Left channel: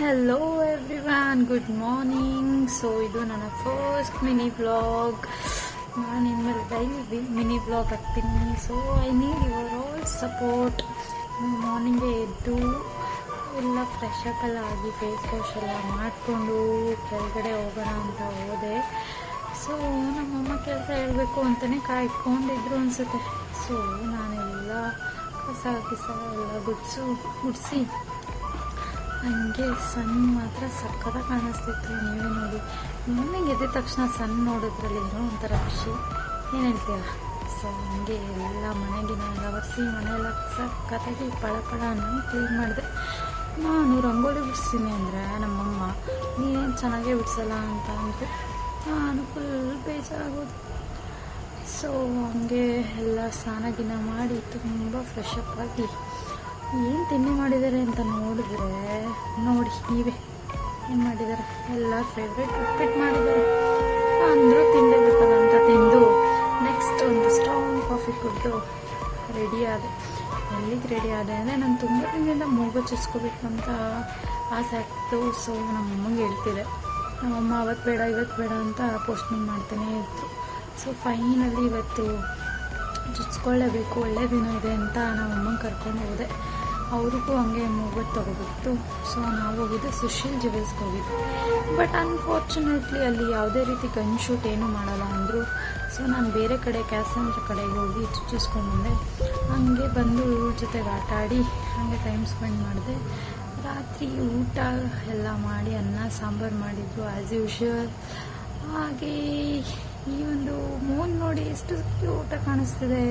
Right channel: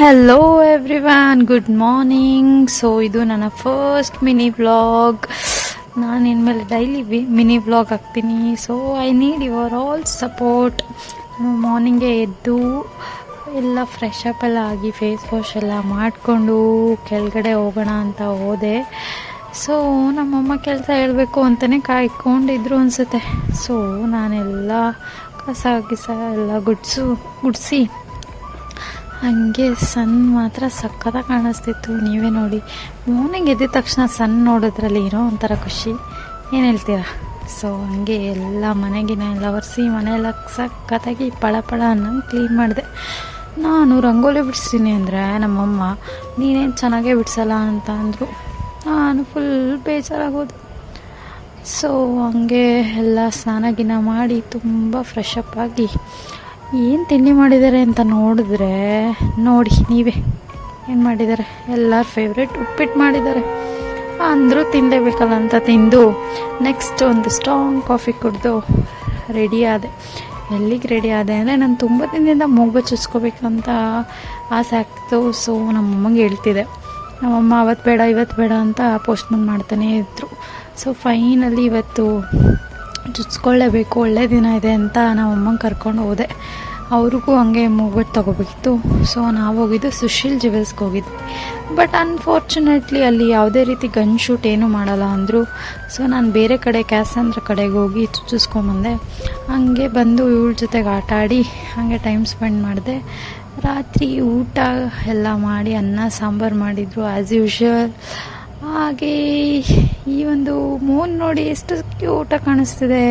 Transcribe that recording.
Hello everyone, good morning. So ಇದು ನನ್ನ first mini vlog. ನಾನು ಇನ್ಮೇಲೆ ಡೈಲಿ ಮಿನಿ ವ್ಲಾಗ್ ಹಾಕ್ತೀನಿ. So I need your all support. ಮಾರ್ನಿಂಗೇ ಎದ್ದು ಎಲ್ಲ ಫ್ರೆಶ್ ಅಪ್ ಎಲ್ಲ ಆಗಿ ಫೇಸ್ ವಾಶ್ ಎಲ್ಲ ಮಾಡಿಕೊಂಡು ಕೆಳಗಡೆ ಹೋಗೋಣ ಅಂತ ಹೋದೆ. ಸೊ ನಮ್ಮಮ್ಮ ಕೆಲಸ ಹೇಳಬೇಕು ಅಂತಲೇ ಕಾಯ್ಕೊಂಡಿದ್ರು ಅನಿಸುತ್ತೆ. ಸೊ ನಾನೆಲ್ಲ ಕಸ ಎಲ್ಲ ಗುಡಿಸಿ ಹಾಗೆ ಸನ್ ಮಾತ್ರ ಸಕ್ಕತ್ತಾಗಿ ಕಾಣಿಸ್ತಿತ್ತು. ನೀವೇ ನೋಡಿ, ಮಾರ್ನಿಂಗ್ ಎದ್ದ ತಕ್ಷಣ ಸನ್ ನೋಡೋದ್ರಲ್ಲಿ ಏನೋ ಒಂಥರ ಖುಷಿ. ಏನು ಹೇಳ್ತೀರಾ? ಸೊ ಹಾಗೆ ಎಲ್ಲ ಮನೆಗಿನ ಎಲ್ಲ ಒರೆಸಿ ಮನೆಯೆಲ್ಲ ಸಕ್ಕತ್ತಾಗಿ ಪಳ ಅನ್ನೋ ಕ್ಲೀನ್ ಮಾಡಿದೆ. ನಾನು ರಂಗೋಲಿ ಬಿಡಿಸ್ತೀನಿ ಅಂದರೆ ನಮ್ಮಮ್ಮ ನೀನೇನು ಚೆನ್ನಾಗೇ ಬಿಡಿಸಲ್ಲ ಅಂತ ಅಂದರು. ನಾನು ಫುಲ್ ಬೇಜಾರಾಗೋದು. ಸೊ ಹಂಗೆ ಎಲ್ಲ ಸ್ನಾನ ಮಾಡಿ ತುಂಬ ಫ್ರೆಶ್ ಅಪ್ ಆಗಿ ಏನು ತಿಂಡಿ ಮಾಡಿದ್ದಾರೆ ಅಂತ ನೋಡಿದ್ರೆ ನೋಡಿ ನೀವೇ ಏನು ಮಾಡಿದ್ದಾರೆ. ಎಲ್ಲರ ಫೇವ್ರೆಟ್ ಉಪ್ಪಿಟ್ಟು ಮಾಡಿದ್ದಾರೆ. ಅಂದರೂ ತಿನ್ನಲೇಬೇಕಲ್ಲ ಅಂತ ತಿಂದು ನೆಕ್ಸ್ಟ್ ಒಂದು ಸ್ಟ್ರಾಂಗ್ ಕಾಫಿ ಕುಡಿದು ರೆಡಿ ಆದೆ. ಎಲ್ಲಿಗೆ ರೆಡಿ ಆದೆ ಅಂದರೆ ನಾನು ತುಂಬ ದಿನದಿಂದ ಮೂಗು ಚುಚ್ಕೋಬೇಕಂತ ಆಸೆ ಆಗ್ತಿತ್ತು. ಸೊ ನಮ್ಮಮ್ಮಗೆ ಹೇಳ್ತಿದ್ದೆ. ನಮ್ಮಮ್ಮ ಅವತ್ತು ಬೇಡ ಇವತ್ತು ಬೇಡ ಅಂತ ಪೋಸ್ಟ್ಪೋನ್ ಮಾಡ್ತಾನೇ ಇದ್ರು. ಸೊ ಫೈನಲಿ ಇವತ್ತು ಚುಚ್ಕೊಳ್ಳೇಬೇಕು, ಒಳ್ಳೆ ದಿನ ಇದೆ ಅಂತ ನಮ್ಮಮ್ಮಂಗೆ ಕರ್ಕೊಂಡು ಹೋದೆ. ಅವ್ರಿಗೂ ಹಂಗೆ ಮೂಗ್ಬಿಟ್ಟು ತೊಗೋಬೇಕಿತ್ತು. ಸೊ ನಾವು ಹೋಗಿದ್ದು ಸುಶೀಲ್ ಜ್ಯುವೆಲ್ಸ್ಗೆ ಹೋಗಿದ್ವಿ. ಬಟ್ ಅನ್ಫಾರ್ಚುನೇಟ್ಲಿ ಅಲ್ಲಿ ಯಾವುದೇ ರೀತಿ ಗನ್ ಶೂಟ್ ಏನೂ ಮಾಡಲ್ಲ ಅಂದರು. ಸೊ ನಾನು ಬೇರೆ ಕಡೆ ಕ್ಯಾಸಂದ್ರ ಕಡೆಗೆ ಹೋಗಿ ಚುಚ್ಚಿಸ್ಕೊಂಬಂದೆ. ಹಾಗೆ ಬಂದು ಇವಳ ಜೊತೆಗೆ ಆಟ ಆಡಿ ಹಾಗೆ ಟೈಮ್ ಸ್ಪೆಂಡ್ ಮಾಡಿದೆ. ರಾತ್ರಿ ಊಟ ಎಲ್ಲ ಮಾಡಿ ಅನ್ನ ಸಾಂಬಾರು ಮಾಡಿದರು ಆ್ಯಸ್ ಯೂಶ್ವಲ್. ಹಾಗೆ ಈ ಒಂದು ಮೂನ್ ನೋಡಿ ಎಷ್ಟು ಕ್ಯೂಟಾಗಿ ಕಾಣಿಸ್ತಿದೆ.